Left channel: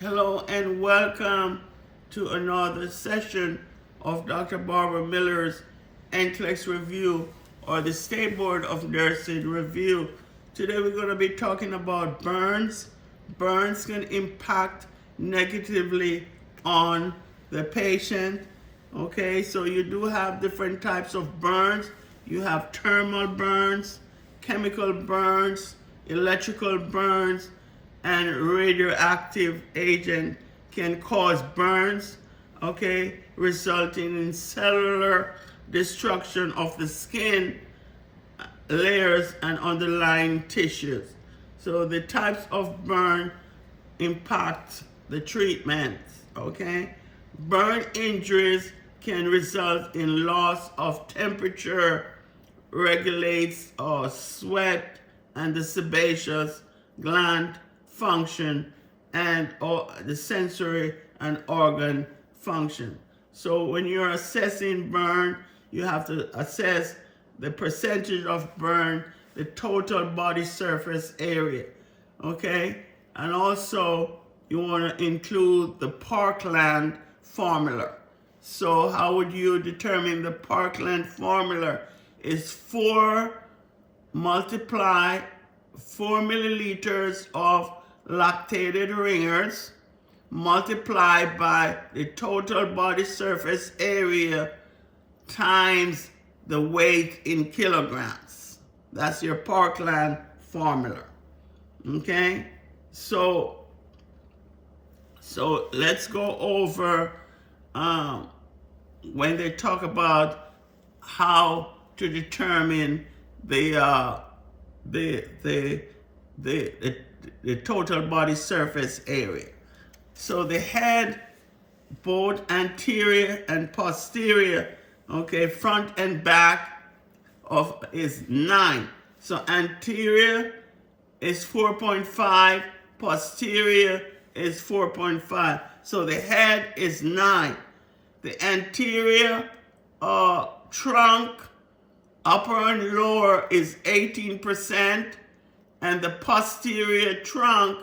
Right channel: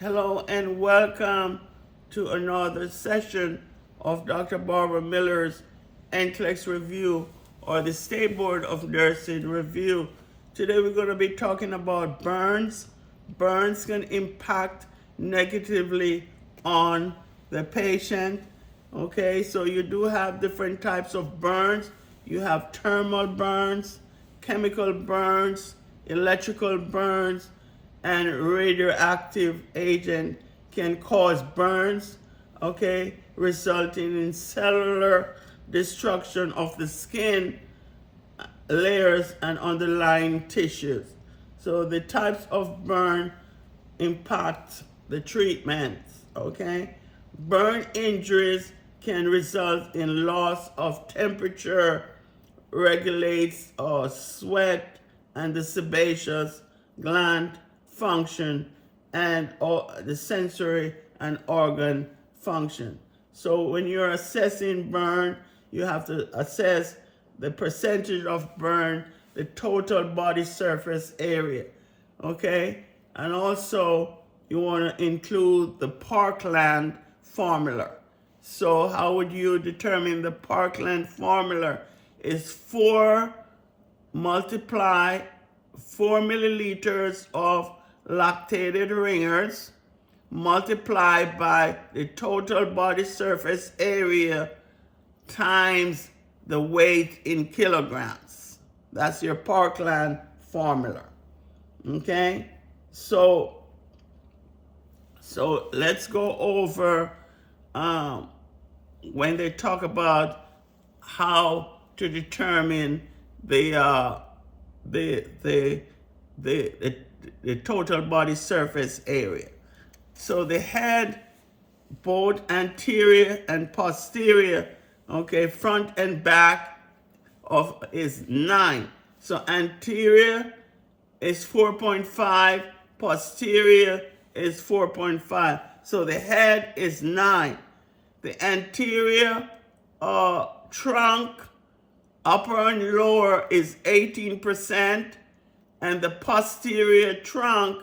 Hello and welcome to another session of Dr. Barbara Miller's NCLEX review, or the State Board of Nursing review. Today we're going to be talking about burns. Burns can impact negatively on the patient. Okay, so you do have different types of burns. You have thermal burns, chemical burns, electrical burns, and radioactive agent can cause burns, okay, resulting in cellular destruction of the skin layers and underlying tissues. So the types of burn impact the treatment, okay? Burn injuries can result in loss of temperature, regulates sweat and the sebaceous gland function, and the sensory and organ function. So when you're assessing burn, you have to assess the percentage of burn, the total body surface area, okay? And also you want to include the Parkland formula. So how would you determine the Parkland formula? Is 4 milliliters of lactated ringers multiplied by the total body surface area times the weight in kilograms. That's your Parkland formula. Okay? So let's go over when they talk about how to determine the total body surface area. So the head, both anterior and posterior, okay, front and back is 9. So anterior is 4.5, posterior is 4.5. So the head is 9. The anterior trunk, upper and lower, is 18%, and the posterior trunk,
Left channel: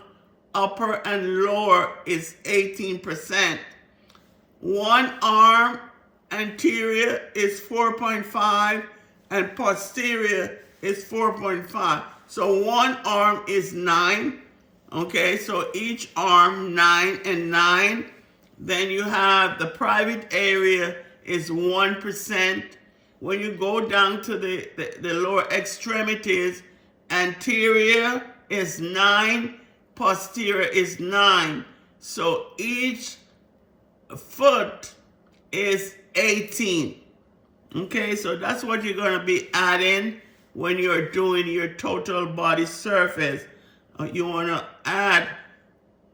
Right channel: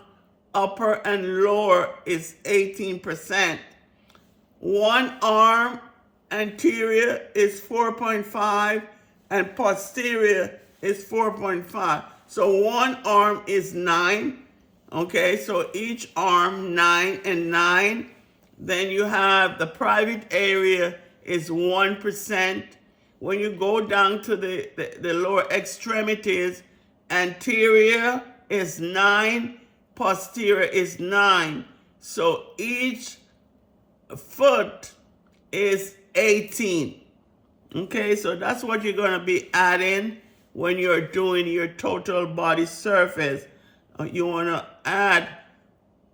upper and lower, is 18%. One arm, anterior, is 4.5, and posterior is 4.5. So one arm is 9. Okay, so each arm 9 and 9. Then you have the private area is 1%. When you go down to the lower extremities, anterior is 9, posterior is 9. So each foot is 18. Okay, so that's what you're going to be adding when you're doing your total body surface. You want to add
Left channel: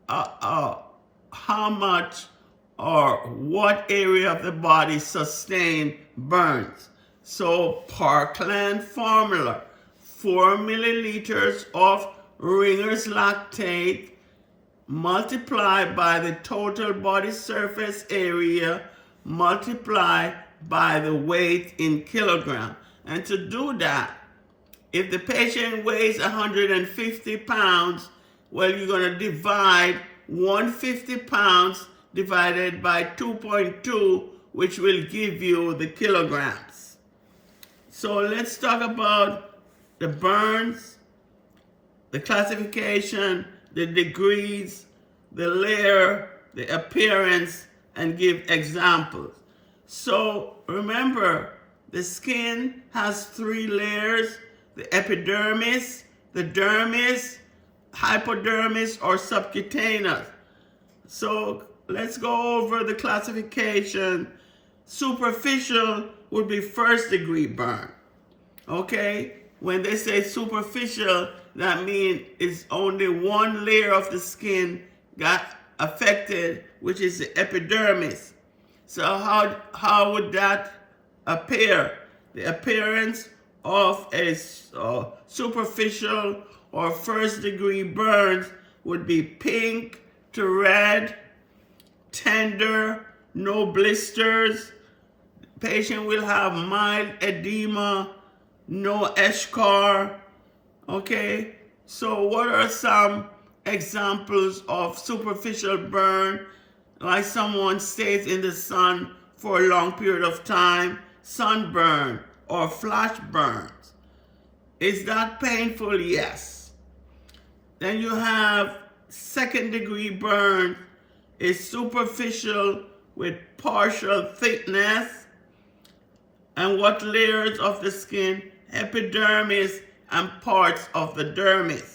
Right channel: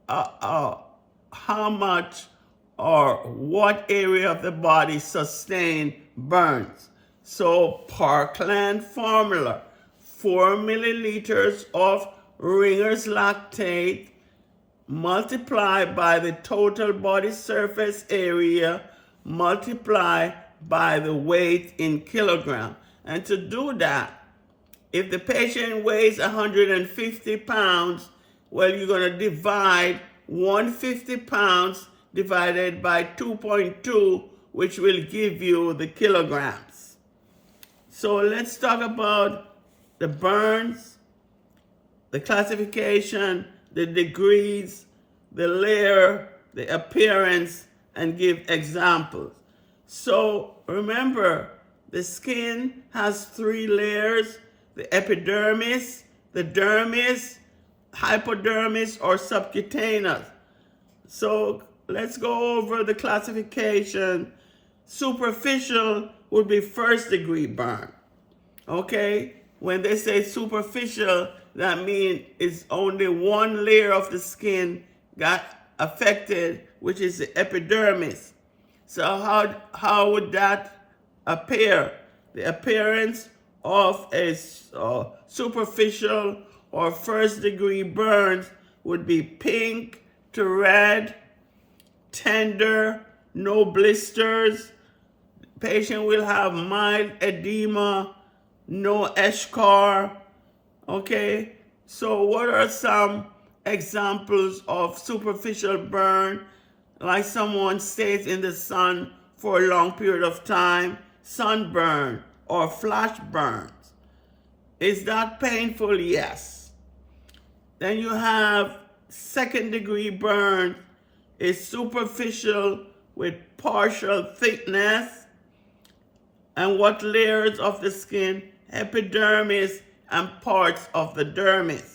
how much or what area of the body sustained burns. So Parkland formula, 4 milliliters of Ringer's lactate multiplied by the total body surface area multiplied by the weight in kilogram. And to do that, if the patient weighs 150 pounds, well, you're going to divide 150 pounds divided by 2.2, which will give you the kilograms. So let's talk about the burns, the classification, the degrees, the layer, the appearance, and give examples. So remember, the skin has 3 layers: the epidermis, the dermis, hypodermis, or subcutaneous. So let's go over the classification. Superficial would be 1st degree burn. Okay? When they say superficial, that means it's only one layer of the skin got affected, which is the epidermis. So how would that appear? The appearance of a superficial or 1st degree burns would be pink to red, tender, no blisters. Patient will have mild edema, no eschar. Okay, so what are some examples of superficial burn, like someone stays in the sun for a long period of time, sunburn or flash burns. Is that painful? Yes. Then you have second-degree burn. Is superficial with partial thickness. And what layers of the skin? Epidermis and parts of the dermis.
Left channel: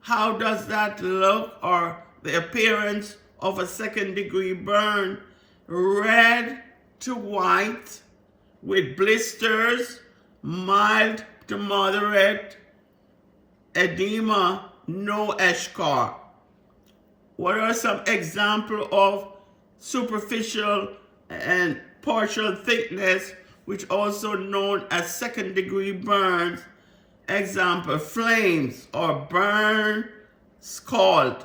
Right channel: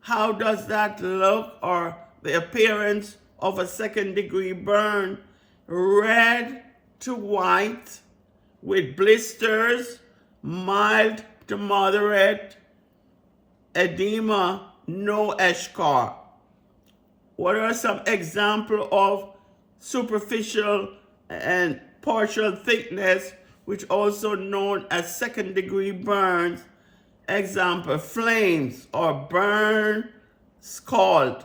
How does that look, or the appearance of a second-degree burn? Red to white with blisters, mild to moderate, edema, no eschar. What are some examples of superficial and partial thickness, which also known as second-degree burns? Example, flames or burn scald.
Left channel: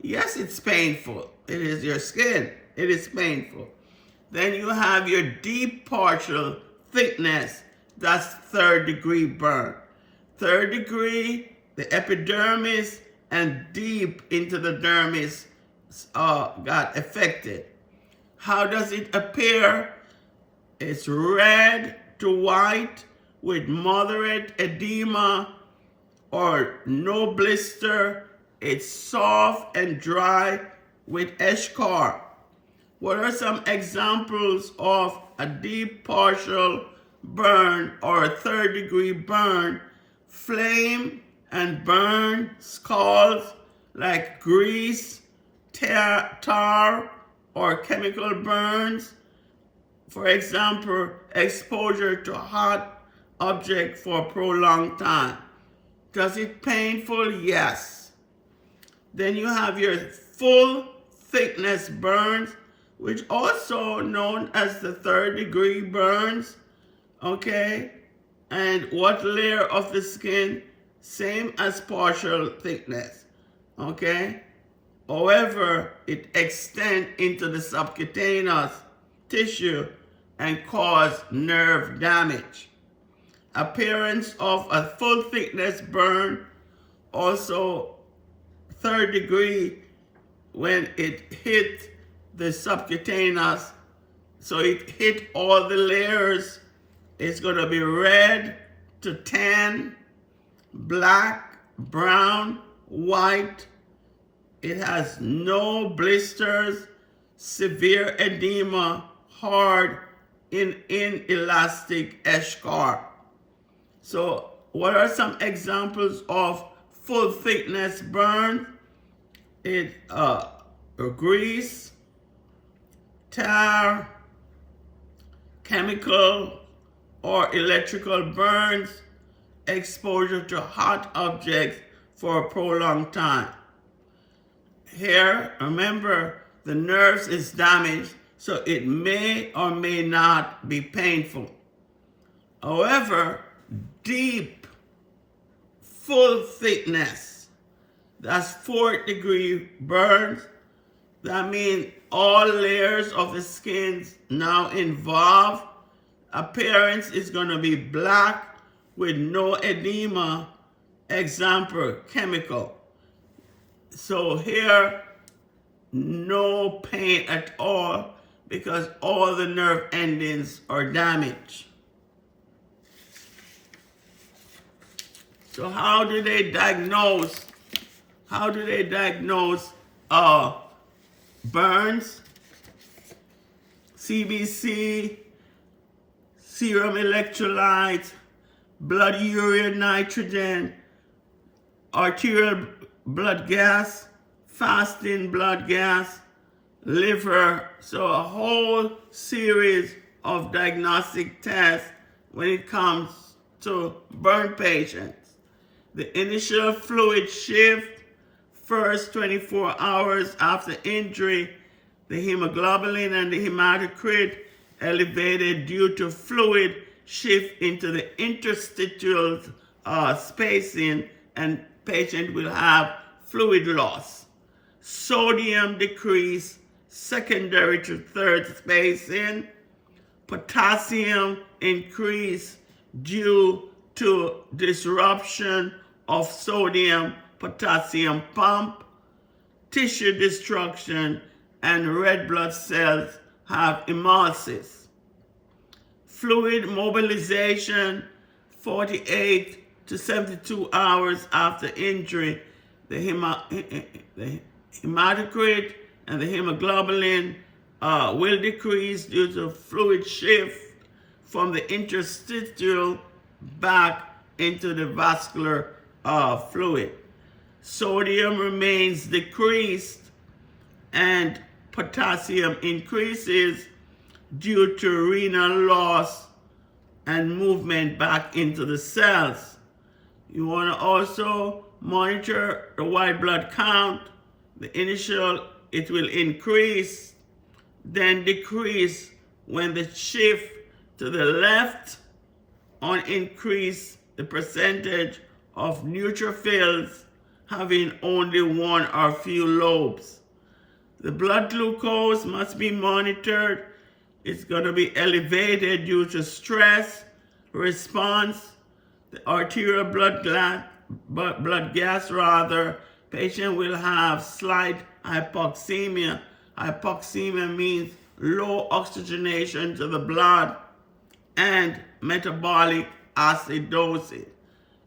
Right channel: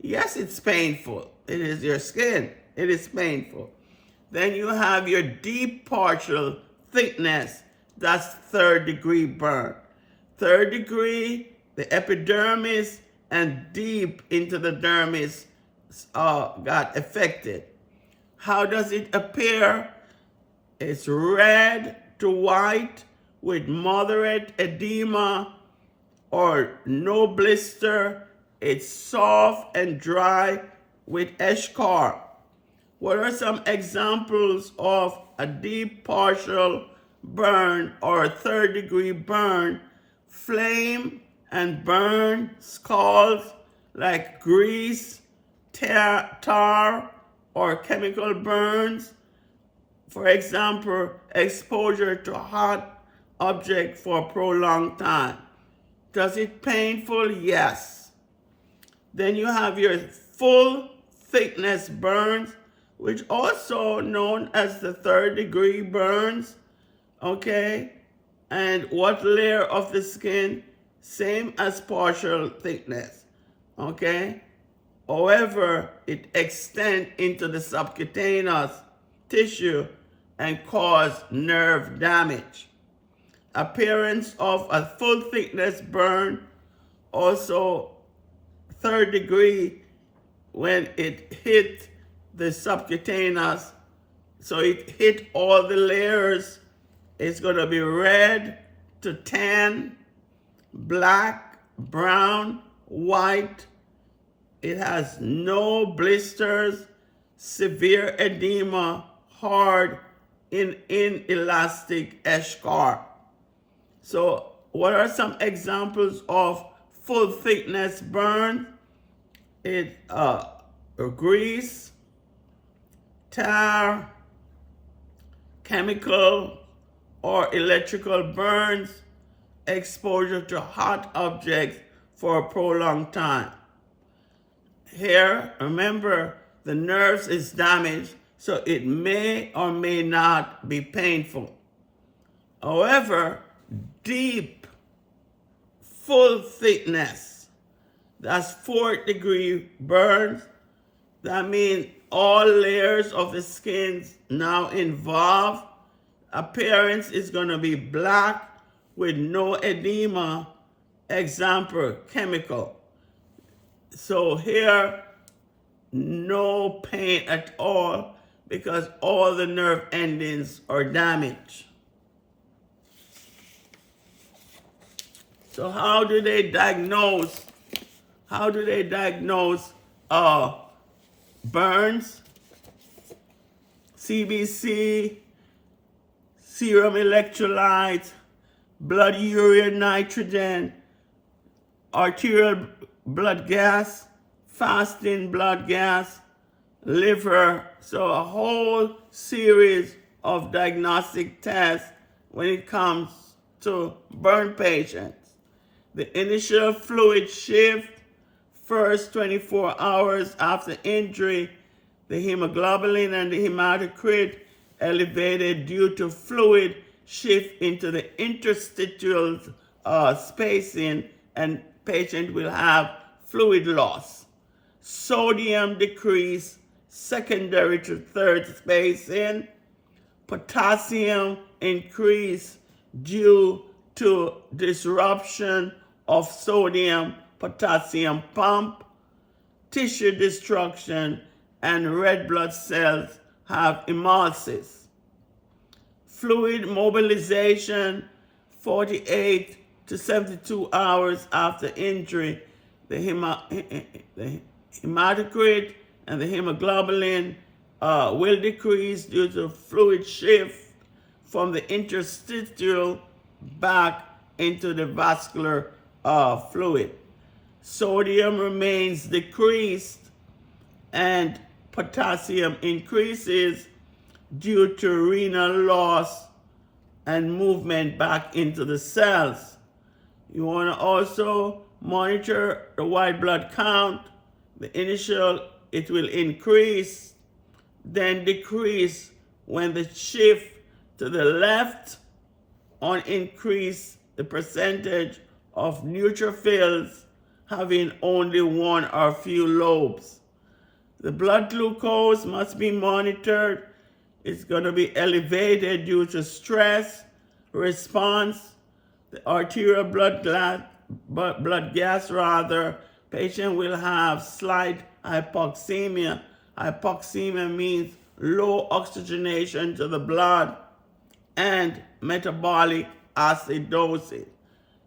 Yes, it's painful. It is your skin. It is painful. Then you have your deep partial thickness. That's third-degree burn. Third degree, the epidermis and deep into the dermis got affected. How does it appear? It's red to white with moderate edema or no blister. It's soft and dry with eschar. What are some examples of a deep partial burn or a third-degree burn? Flame and burn scalds like grease, tar, or chemical burns. For example, exposure to a hot object for a prolonged time. Does it painful? Yes. Then you have your full thickness burns, which also known as the third-degree burns. Okay? And what layer of the skin? Same as partial thickness. Okay? However, it extends into the subcutaneous tissue and cause nerve damage. Appearance of a full thickness burn, also third degree, when it hit the subcutaneous, so it hit all the layers. It's going to be red to tan, black, brown, white. It has no blisters, severe edema, hard, inelastic eschar. So what are some examples of full thickness burn? It's grease, tar, chemical or electrical burns, exposure to hot objects for a prolonged time. Here, remember, the nerves is damaged, so it may or may not be painful. However, deep, full thickness, that's fourth degree burns. That means all layers of the skin now involved. Appearance is going to be black with no edema. Example, chemical. So here, no pain at all because all the nerve endings are damaged. So how do they diagnose? Burns? CBC, serum electrolytes, blood urea nitrogen, arterial blood gas, fasting blood gas, liver. So a whole series of diagnostic tests when it comes to burn patients. The initial fluid shift, first 24 hours after injury, the hemoglobin and the hematocrit elevated due to fluid shift into the interstitial spacing, and patient will have fluid loss. Sodium decrease secondary to third spacing. Potassium increase due to disruption of sodium-potassium pump. tissue destruction, and red blood cells have hemolysis. Fluid mobilization, 48 to 72 hours after injury, the hematocrit and the hemoglobin will decrease due to fluid shift from the interstitial back into the vascular fluid. Sodium remains decreased and potassium increases due to renal loss and movement back into the cells. You want to also monitor the white blood count. The initial, it will increase, then decrease when the shift to the left on increase the percentage of neutrophils having only one or few lobes. The blood glucose must be monitored. It's going to be elevated due to stress response. The arterial blood gas, patient will have slight hypoxemia. Hypoxemia means low oxygenation to the blood and metabolic acidosis.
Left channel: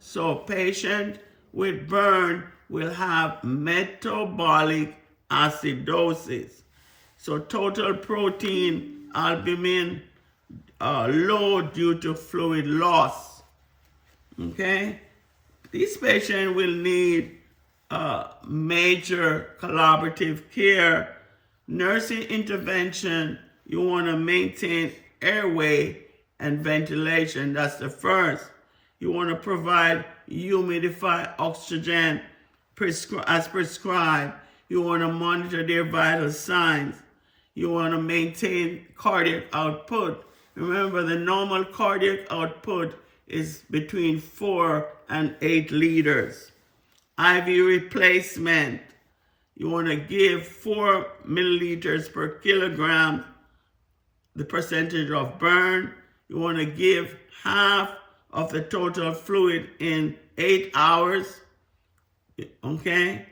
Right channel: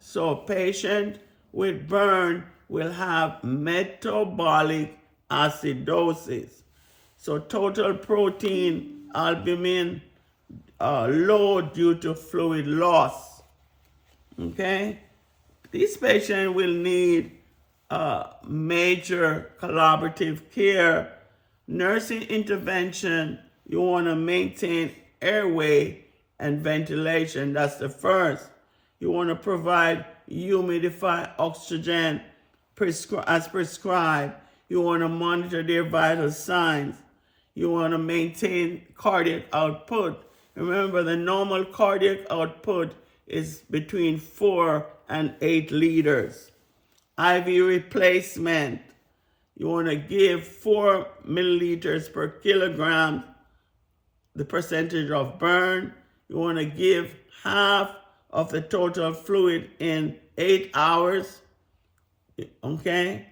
So patient with burn will have metabolic acidosis. So total protein albumin low due to fluid loss. Okay? These patients will need major collaborative care, nursing intervention. You want to maintain airway and ventilation. That's the first. You want to provide humidified oxygen as prescribed. You want to monitor their vital signs. You want to maintain cardiac output. Remember, the normal cardiac output is between 4 and 8 liters. IV replacement. You want to give 4 milliliters per kilogram, the percentage of burn. You want to give half of the total fluid in 8 hours, okay?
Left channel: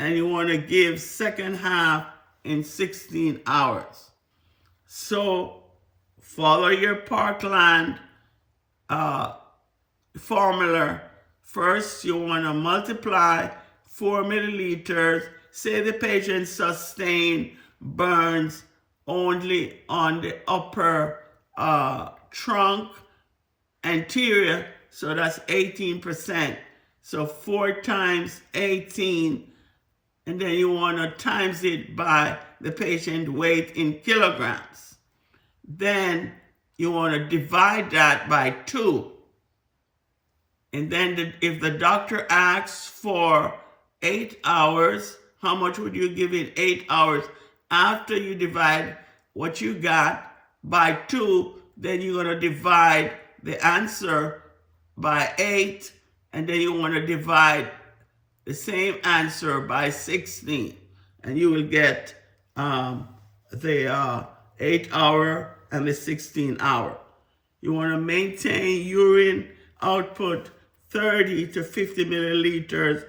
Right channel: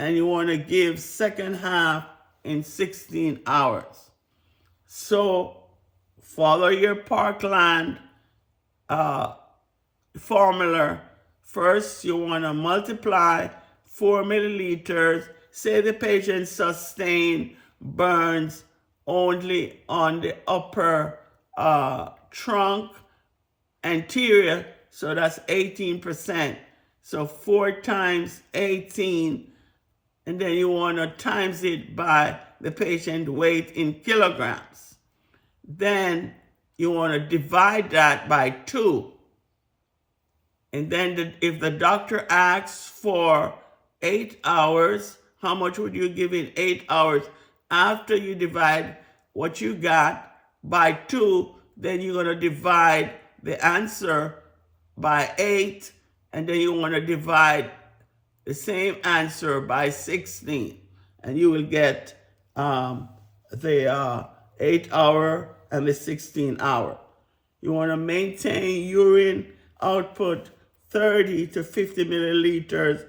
And you want to give second half in 16 hours. So follow your Parkland formula. First, you want to multiply 4 milliliters. Say the patient sustained burns only on the upper trunk anterior, so that's 18%. So 4 times 18, and then you want to times it by the patient weight in kilograms. Then you want to divide that by 2. And then if the doctor asks for 8 hours, how much would you give in 8 hours? After you divide what you got by 2, then you're going to divide the answer by 8, and then you want to divide the same answer by 16, and you will get the 8 hour and the 16 hour. You want to maintain urine output 30 to 50 milliliters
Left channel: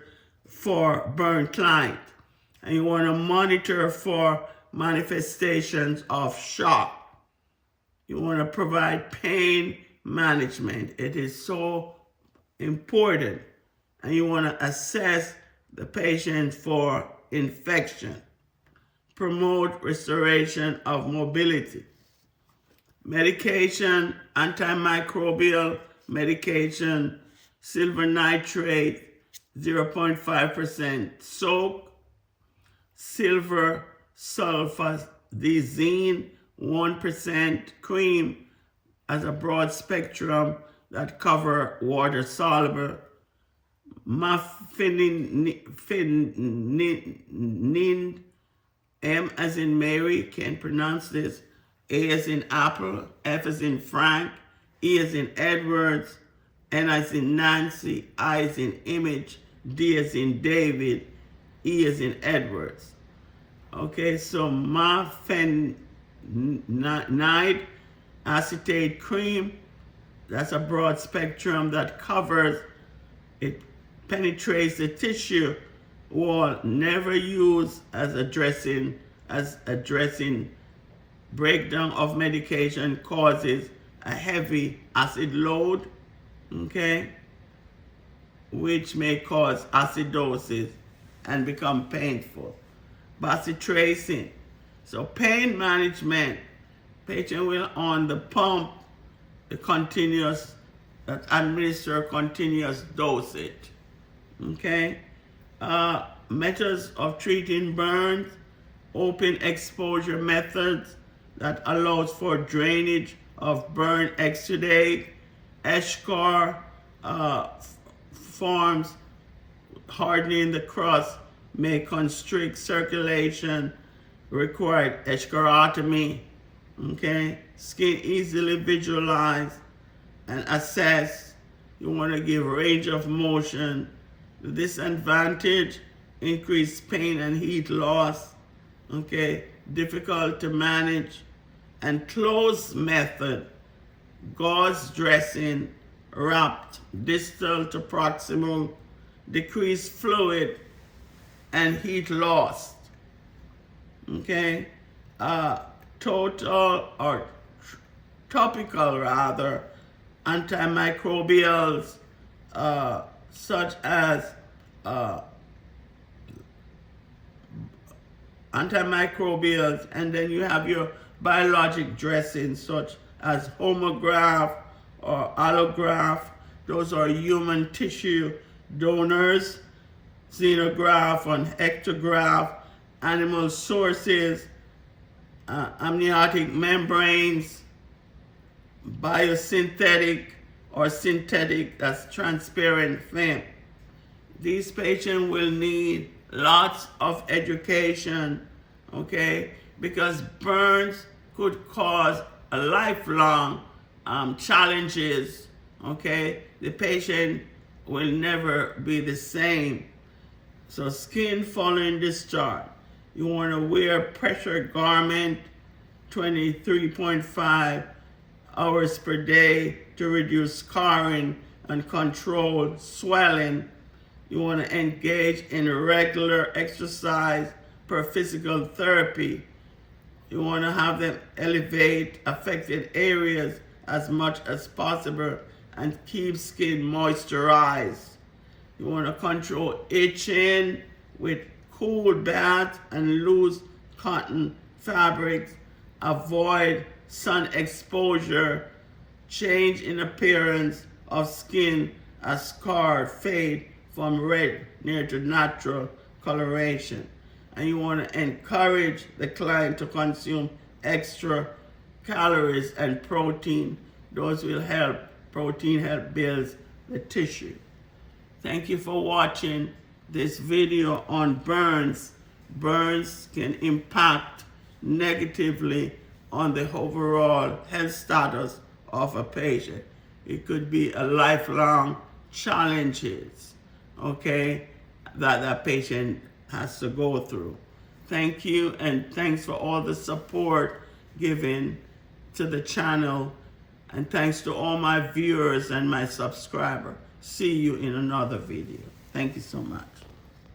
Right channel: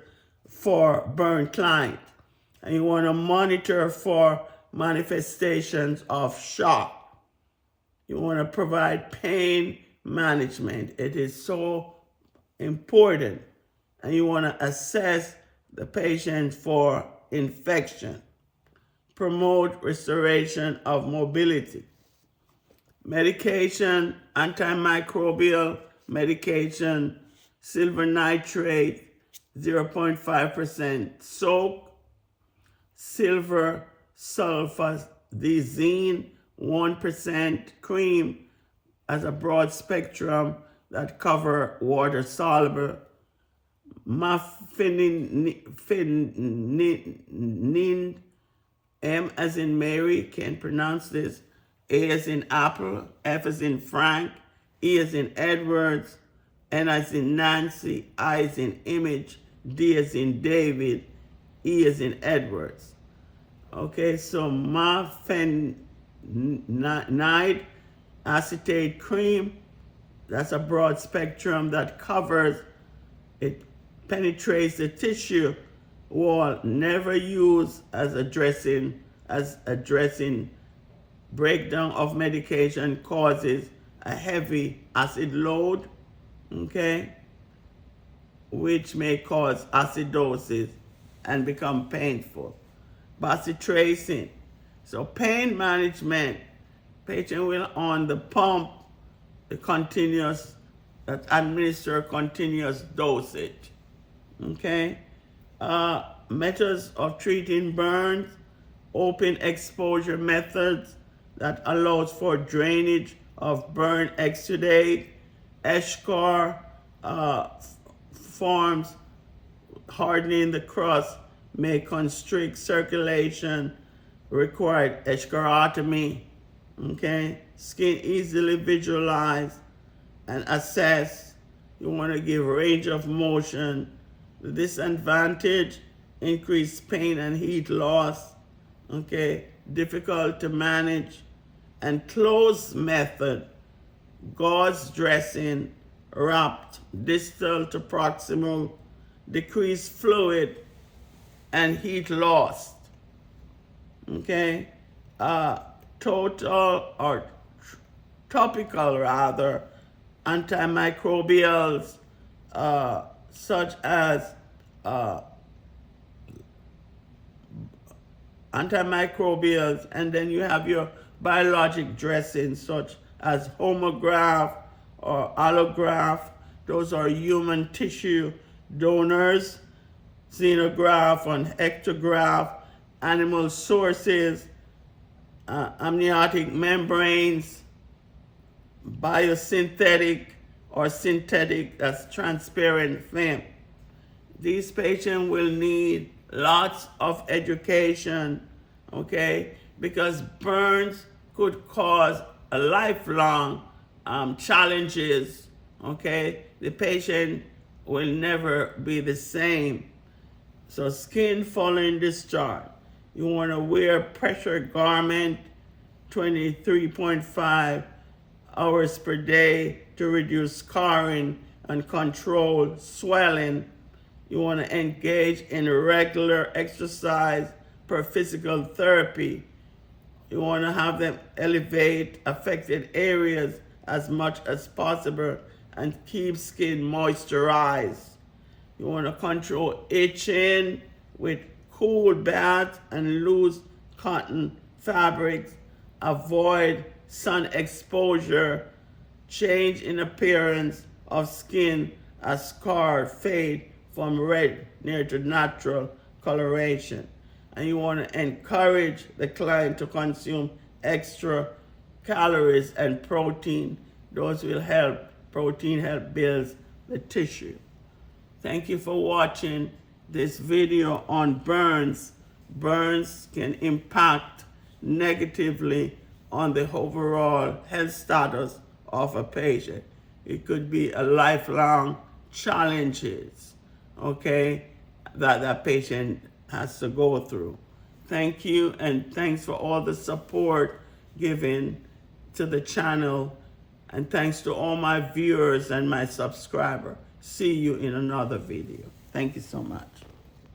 for burn client, and you want to monitor for manifestations of shock. You want to provide pain management. It is so important. And you want to assess the patient for infection. Promote restoration of mobility. Medication, antimicrobial medication, silver nitrate, 0.5% soak, silver sulfazine, 1% cream, as a broad spectrum that cover water soluble. Mafenin, M as in Mary, can't pronounce this, A as in apple, F as in Frank, E as in Edwards, N as in Nancy, I as in image, D as in David, E as in Edwards. Okay, so mafeninide acetate cream, that's a broad spectrum that covers, it penetrates the tissue wall never used as addressing breakdown of medication causes a heavy acid load, okay, which may cause acidosis and become painful. Bacitracin. So pain management, patient will on the pump, the continuous, that administer continuous dosage. Okay. Methods of treating burns, open exposure methods that allows for drainage of burn exudate, eschar forms, hardening the crust may constrict circulation, required eschorotomy. Okay, skin easily visualize and assess. You want to give range of motion. The disadvantage, increased pain and heat loss. Okay, difficult to manage. And closed method, gauze dressing, wrapped distal to proximal, decreased fluid and heat loss. Okay, total or topical rather, antimicrobials such as antimicrobials, and then you have your biologic dressings such as homograft or allograft. Those are human tissue donors. Xenograft and ectograft, animal sources, amniotic membranes, biosynthetic or synthetic, that's transparent film. These patients will need lots of education, okay, because burns could cause a lifelong challenges, okay. The patient will never be the same. So skin following discharge, you want to wear pressure garment 23.5 hours per day to reduce scarring and control swelling. You want to engage in regular exercise per physical therapy. You want to have them elevate affected areas as much as possible and keep skin moisturized. You want to control itching with cool baths and loose cotton fabrics. Avoid sun exposure. Change in appearance of skin as scars fade from red near to natural coloration. And you want to encourage the client to consume extra calories and protein. Those will help. Protein help build the tissue. Thank you for watching this video on burns. Burns can impact negatively on the overall health status of a patient. It could be a lifelong challenges, okay, that patient has to go through. Thank you, and thanks for all the support given to the channel, and thanks to all my viewers and my subscribers. See you in another video. Thank you so much.